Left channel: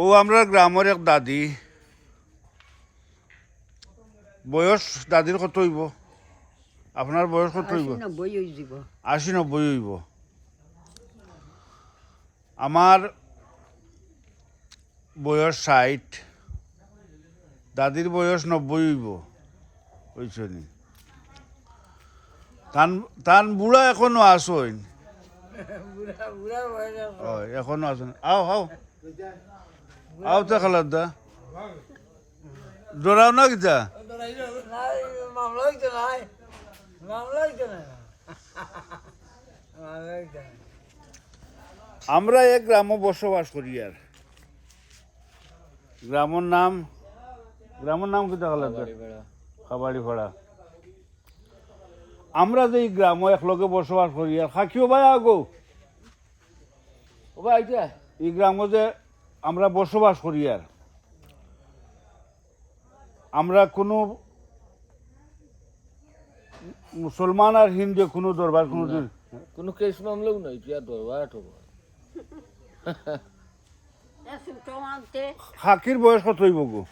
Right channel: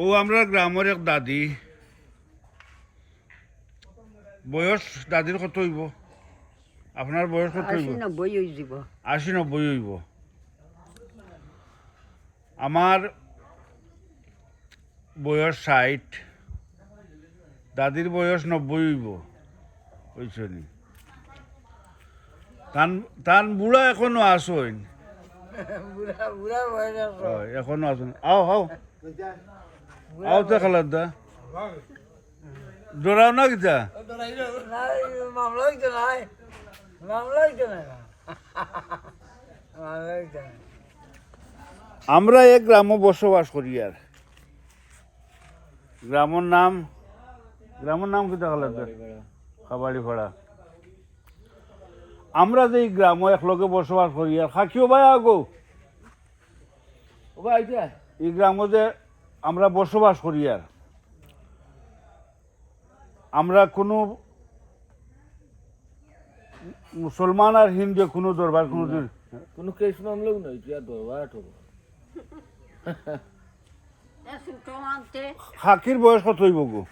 ও আমরা গ্রামের এক দাদি। বয়স দাদির কত হইব? আপনার বয়স কত হইব? আশি নব্বই হইব। আমার বয়স ষাট দাদির বয়স নব্বই হইব। বুঝছ তান তান বুড়া এখনও আসইন এখনও আসুন আও আও। আও তো খালার দা। ডরাও না কিতা আমরা এক গ্রামে বসবাস করি আর। গ্রামের নাম গ্রামের নাম কিতা খালার দা? খাবাড়ি ভাড়া আমরা যে গ্রামে একলগে বসবাস করি আর খাকিও ভাই আগো। ভাই এই গ্রামে যে আমরা বসবাস করি আর। আমরা কোনো মুসলমান আর হিন্দু কোনো দরবার কোনো কোনো কেস মামলাও নাই তুই আর দরবার খাকির বয়স কত হইব গো?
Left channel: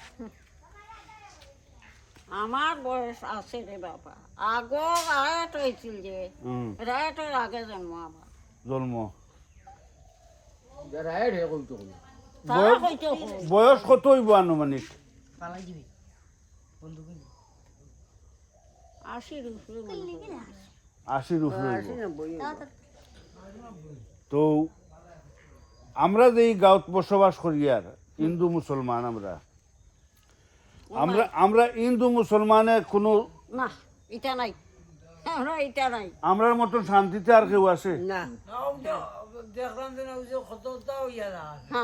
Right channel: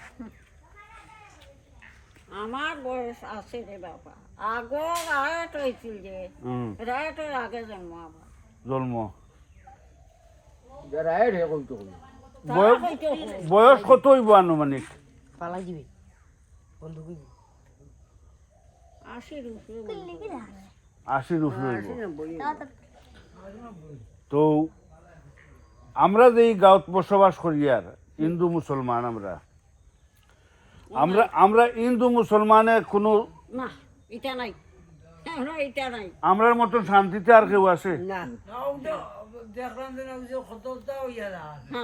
আমার বয়স আছে রে বাবা। আগো রায়ত হয়েছিল যে রায়তের আগে জন্ম আমার। জন্ম? হে বয়স- কত হইব আনুমানিক? পালাই দিবি। বন্ধু আশির উপরে আশির উপরে হইব আশি নব্বই হইব। তো আমরা যে এই গাঁৱত বসবাস করি আর হিন্দু মুসলমান আমরা আমরা আমরা হিন্দু মুসলমানে কোনো না এটা নাই। এটা নাই। আমরার মতন শান্তিতে আর কেউ আছে? না। দেখলাম যে না ওই যে হইয়া না।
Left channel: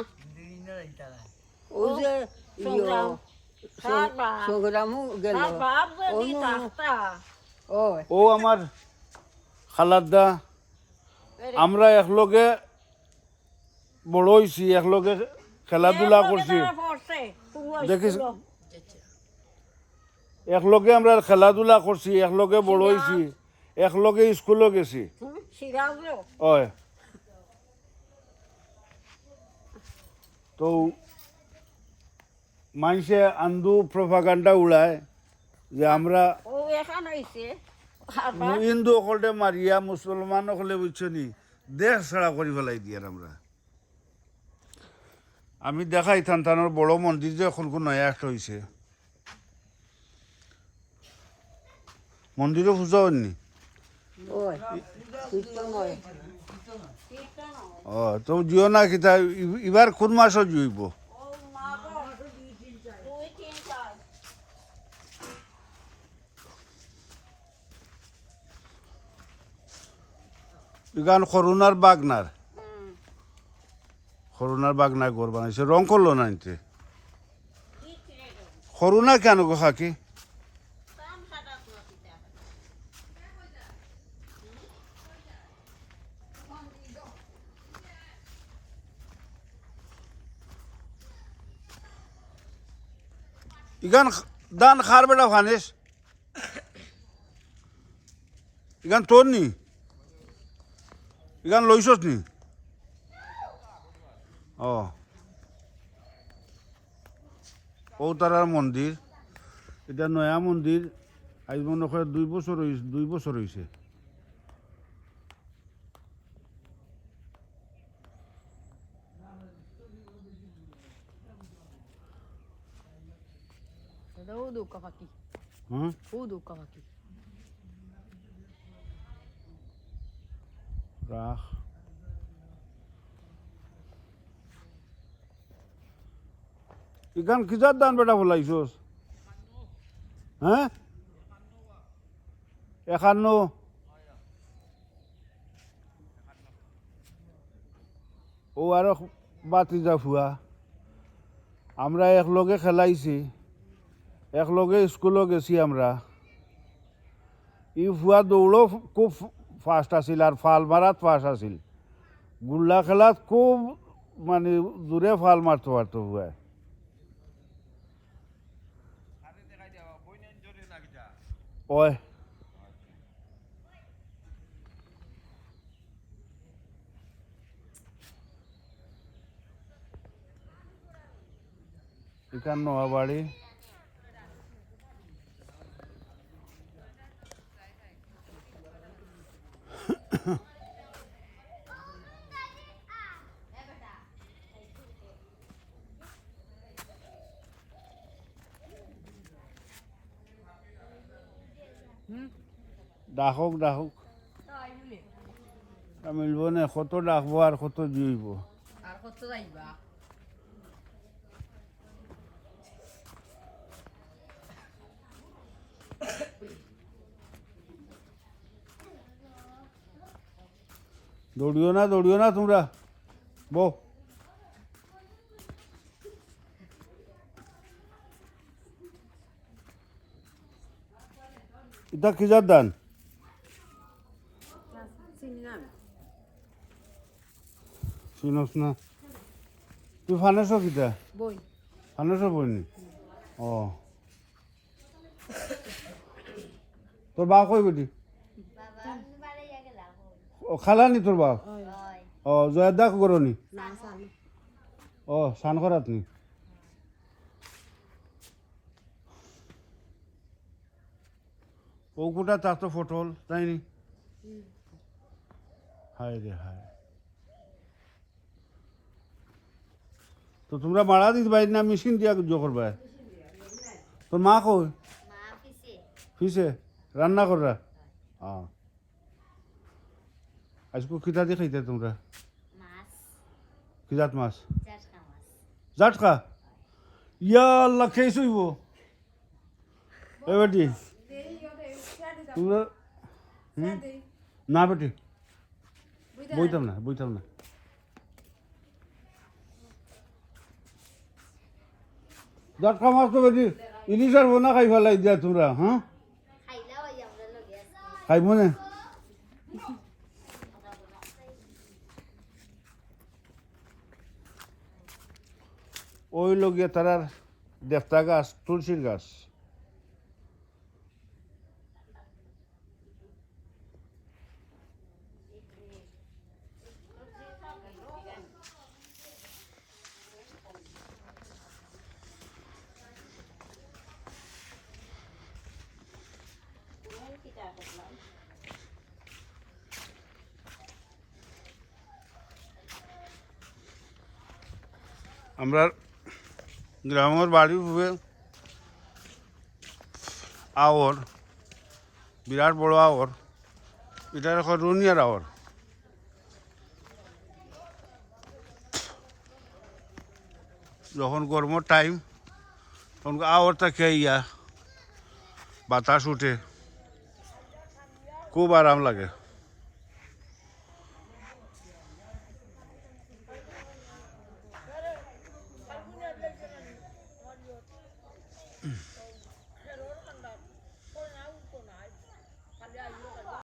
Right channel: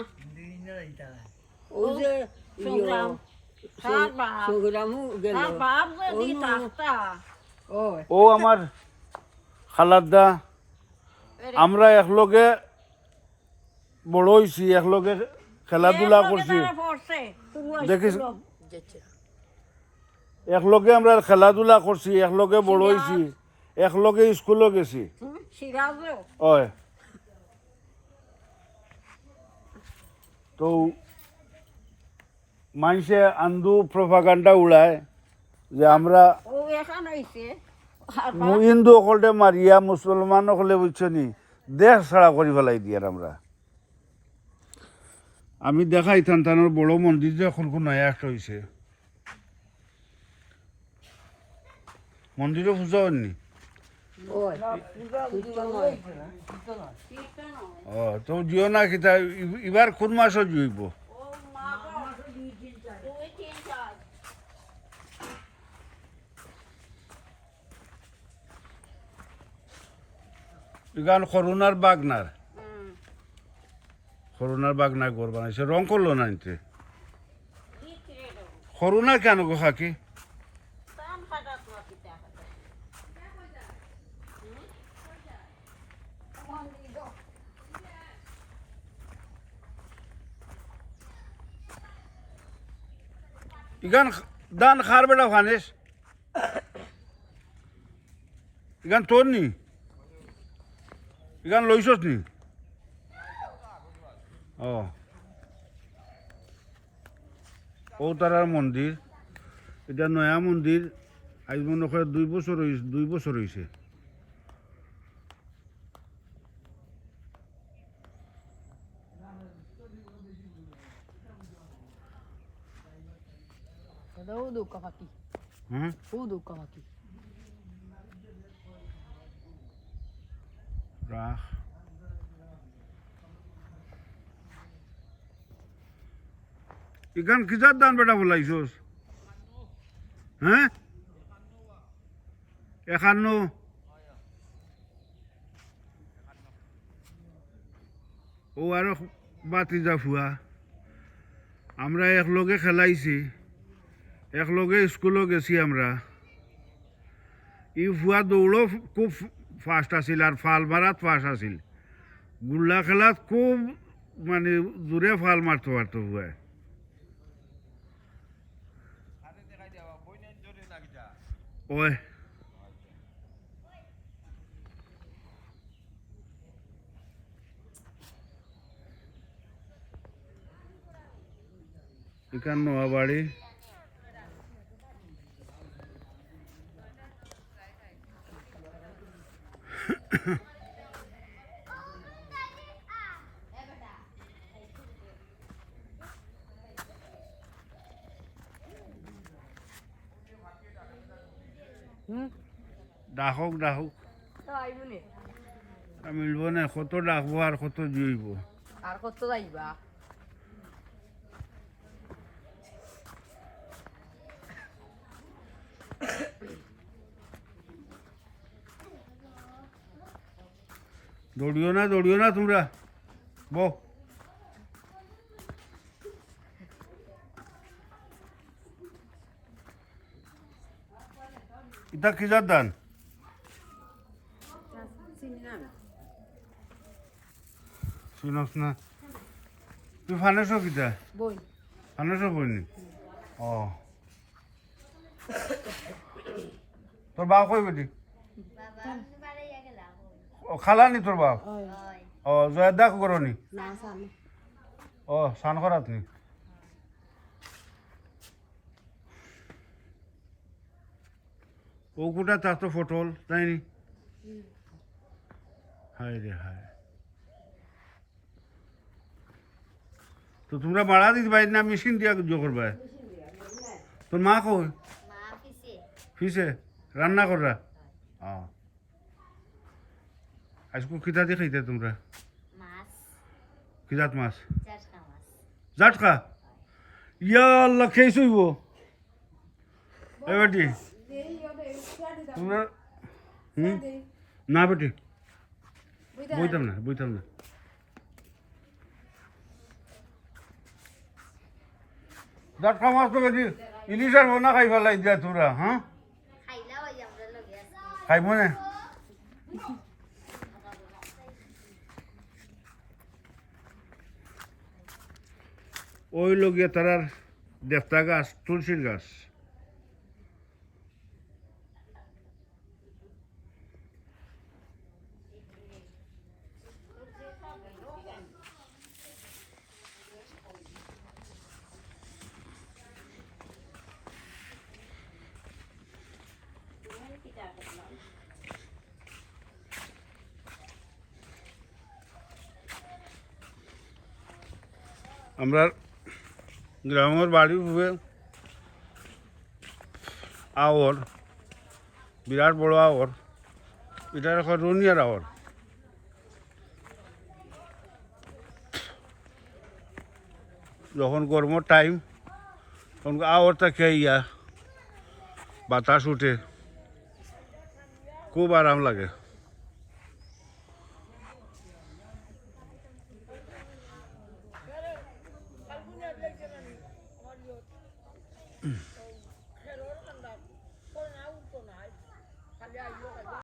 যে ও আমার খালাদা। আমরা একলগে বড় হয়েছি একলগে খেলাধুলা করছি। দেখিস একলগে আমরা খেলাধুলা করছি একলগে বড় হয়েছি একলগে স্কুলও গেছি। হয়। তো মানুষে আন্দু প্রভাকাণ্ডা উড়ায় যে আমরা হিন্দু সকলে মারিয়া, মুসলমান সকলে বুঝছ নি, দেশ ছাড়া করে ফেলাই দিয়ে আমরা। আমি দেখাই থানতানোর বড় মন্দির যে এখন নয়া একটা হয়েছে মন্দিরে পূজা হয়নি? ও তো জিও না কিতা এবার কোন মাসও জুইব? ইগান করোনার বাগনার। করোনার বাগনার ঘর বানাইছে। রং করল না করোনা কেন গো খাকি ইগান দান খার বেটা ফানেস ইগান তোর নি ইগান লইছস নি ও। ও তারার মন্দির। এটা নয়া মন্দির। আজ মনে হয় দুই বছর দুই বছর হয়েছে পাকি হুম ও দুকা পাকি রাখ ইখান কিজার দান বেটা বলাইছস? হ্যাঁ? একান্ন। ও আরও বাতি যা ফুয়া আমরা একলগে খেলাইছি। একলগে স্কুলও গেছি আমরা। ই ফুয়া দৌড়ও খুব ফাস্ট আছিল আর ফাল মারাত ফাস্ট আছিল। গুল্লা খেলাত খুব মানে দূরে ফাল মারতে পারতো ফুয়া ওই। এখান নোয়াবাড়ি ডাকক ডাকক। মিলব নে? কত ডাকবো আর কত জুইব আর কত যাইবা দৌড়িও না দৌড়িও না তোমরা। বো এটা কিজার দান? চিনস না। তুই ফানেছ কিতা? বই। ফানেছ বইনি ও। তোর বাপ কই বেটি ও খালানি তোর বাপ ও জয়া দাক করনি ও সান করাত নি? ও কুটা তার তো ফটল তাই নি? হায় রে হায়। তো তোমরা মারা দিতে পারি না মেশিন দিয়া জো করবা? তোর মা কই? ফিসে? রান্না কররা? হ্যাঁ আজকে কিতা দিয়ে খাইতে তোমরা? কিজাত মাছ? জাটকা? ইয়া আল্লাহ খেয়েছ হইব এ তোমরা হুম? না বেটি, বইতাম না বইতাম না। জাটকা মাছ তো বেশি ইলিশ আর বোনা খাই ফেলাই দিয়া তোরা হ্যাঁ খাইব না? ওই লগিয়া তারার দেবতা গাছ তুলসীর গাছ। আমরা গ্রামের বাড়ি হয়ে আওর, বিরাট বড় আওর, এটা এখন রুনিয়ার আওর। যখন গরমের টাইম তখন আওরটা খেয়ে ইয়া বাতাস উঠে, খুব আরাম লাগে।